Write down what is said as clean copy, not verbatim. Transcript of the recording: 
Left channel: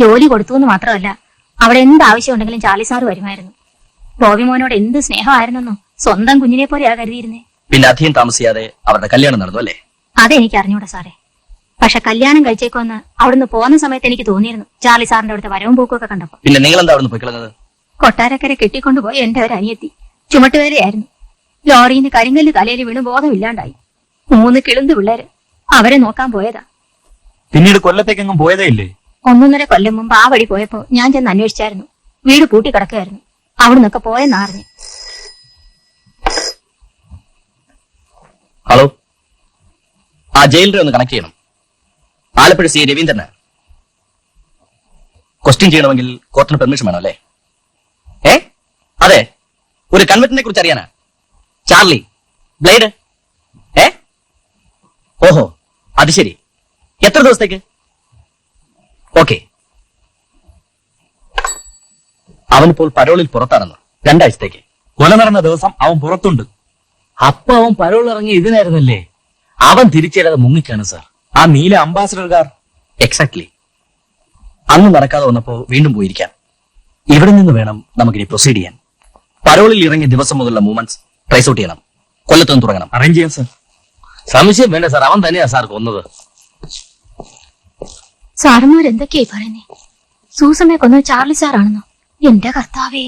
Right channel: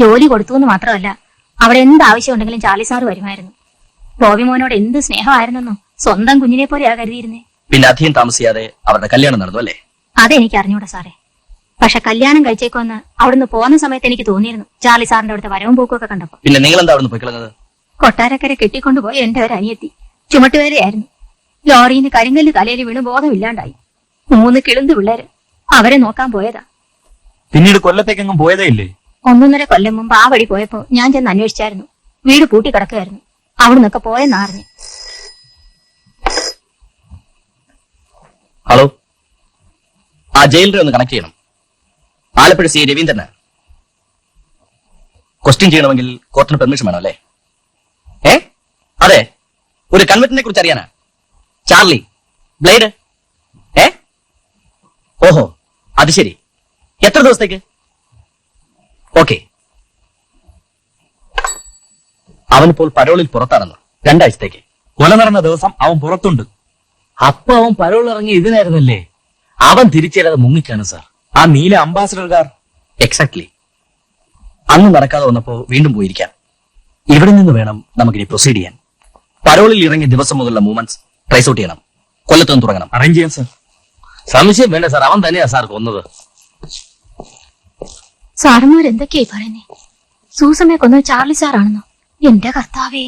ജോലി കൊടുത്തു എന്ന് മാത്രമല്ല, അവിടെ എന്ത് ആവശ്യം ഉണ്ടെങ്കിലും ചാർലി സാറ് വരുമായിരുന്നു. ബോബി മോനോട് എന്ത് സ്നേഹമായിരുന്നെന്നോ, സ്വന്തം കുഞ്ഞിനെ പോലെയാ കരുതിയിരുന്നേ. പിന്നെ അധികം താമസിയാതെ അവരുടെ കല്യാണം നടന്നു അല്ലേ? അതെനിക്ക് അറിഞ്ഞൂടാ സാറേ. പക്ഷെ കല്യാണം കഴിച്ചേക്കോന്ന് അവിടുന്ന് പോകുന്ന സമയത്ത് എനിക്ക് തോന്നിയിരുന്നു, ചാർലി സാറിന്റെ അവിടുത്തെ വരവും പോക്കും ഒക്കെ കണ്ടപ്പോ. പിന്നെ നിങ്ങൾ എന്താ അവിടുന്ന് പോയിക്കളഞ്ഞത്? കൊട്ടാരക്കര കെട്ടിക്കൊണ്ടുപോയി എന്റെ ഒരു അനിയത്തി ചുമട്ടുവേരയായിരുന്നു. ലോറിന്ന് കരിങ്കല്ല് തലയിൽ വീണ് ബോധമില്ലാണ്ടായി. 3 കിളുന്ത് പിള്ളേര്. അവരെ നോക്കാൻ പോയതാ. പിന്നീട് കൊല്ലത്തേക്കെങ്ങും പോയതേ ഇല്ലേ? 1.5 കൊല്ലം മുമ്പ് ആ വഴി പോയപ്പോ ഞാൻ ചെന്ന് അന്വേഷിച്ചായിരുന്നു. വീട് പൂട്ടി കിടക്കുകയായിരുന്നു. അവിടുന്നൊക്കെ പോയെന്നറിഞ്ഞു. ഹലോ, ആ ജയിലറെ ഒന്ന് കണക്ട് ചെയ്യണം. ആലപ്പുഴ സി രവീന്ദ്രന് ക്വസ്റ്റ്യൻ ചെയ്യണമെങ്കിൽ കോർട്ടിന് പെർമിഷൻ വേണം അല്ലേ? അതെ, ഒരു കൺവെർട്ടിനെ കുറിച്ച് അറിയാനാ. Charlie blade. ഓഹോ, അത് ശരി. എത്ര ദിവസത്തേക്ക്? ഓക്കെ. അവനിപ്പോൾ പരോളിൽ പുറത്താണെന്ന്. 2 ആഴ്ചത്തേക്ക്. കൊല നടന്ന ദിവസം അവൻ പുറത്തുണ്ട്. അപ്പൊ അവൻ പരോൾ ഇറങ്ങി ഇതിനായിരുന്നല്ലേ? അവൻ തിരിച്ചേരാതെ മുങ്ങിക്കാണ് സാർ. ആ നീല അംബാസഡർ കാർ. എക്സാക്ട്ലി. അന്ന് നടക്കാതെ വന്നപ്പോ വീണ്ടും പോയിരിക്കാം. ഇവിടെ നിന്ന് വേണം നമുക്കിനി പ്രൊസീഡ് ചെയ്യാൻ. പരോളിൽ ഇറങ്ങിയ ദിവസം മുതലുള്ള മൂവ്മെന്റ്സ് ട്രേസ് ഔട്ട് ചെയ്യണം. കൊല്ലത്തുനിന്ന് തുടങ്ങണം. അറേഞ്ച് ചെയ്യാം സാർ. സംശയം വേണ്ട സാർ, അവൻ തന്നെയാ സാർ കൊന്നത്. സാറന്മാരെന്തൊക്കെയായി പറയുന്നേ? സൂസമ്മയെ കൊന്നത് ചാർലി സാറാണെന്നോ? എന്റെ കർത്താവേ!